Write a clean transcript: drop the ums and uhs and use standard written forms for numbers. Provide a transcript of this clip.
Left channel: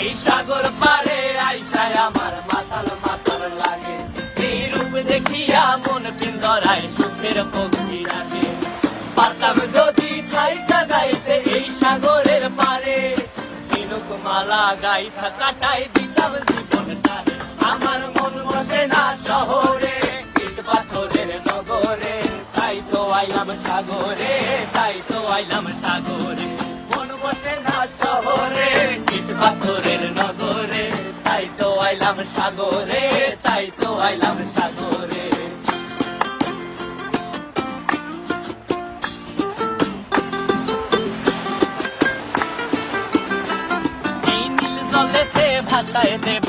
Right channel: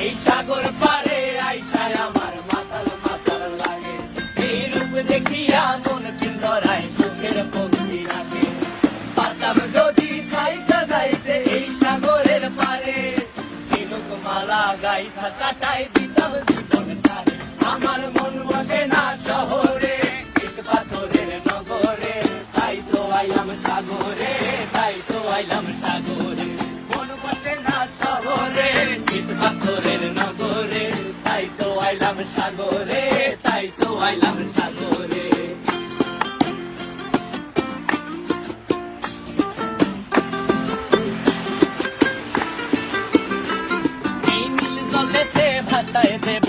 এই সাগর পারে আইসায় আমার মাতাল মাতাল লাগে, এই রূপ দেখিয়া মন পিঞ্জরায় সুখের পক্ষী লাগে। পারতাম যদি চাইতা যাইতে এই সাগরের পারে, ঝিনুক মালা গাইথা কাটাই দিতাম জীবন তারে। আমার মন বসে না শহরে, ইট পাথরের নগরে, তাই তো আইলাম সাগরে, তাই তো আইলাম সাগরে। মন বসে না শহরে, ইট পাথরের নগরে, তাই তো আইলাম সাগরে, তাই তো আইলাম সাগরে। এই নীল জলেতে ভাসায় দেব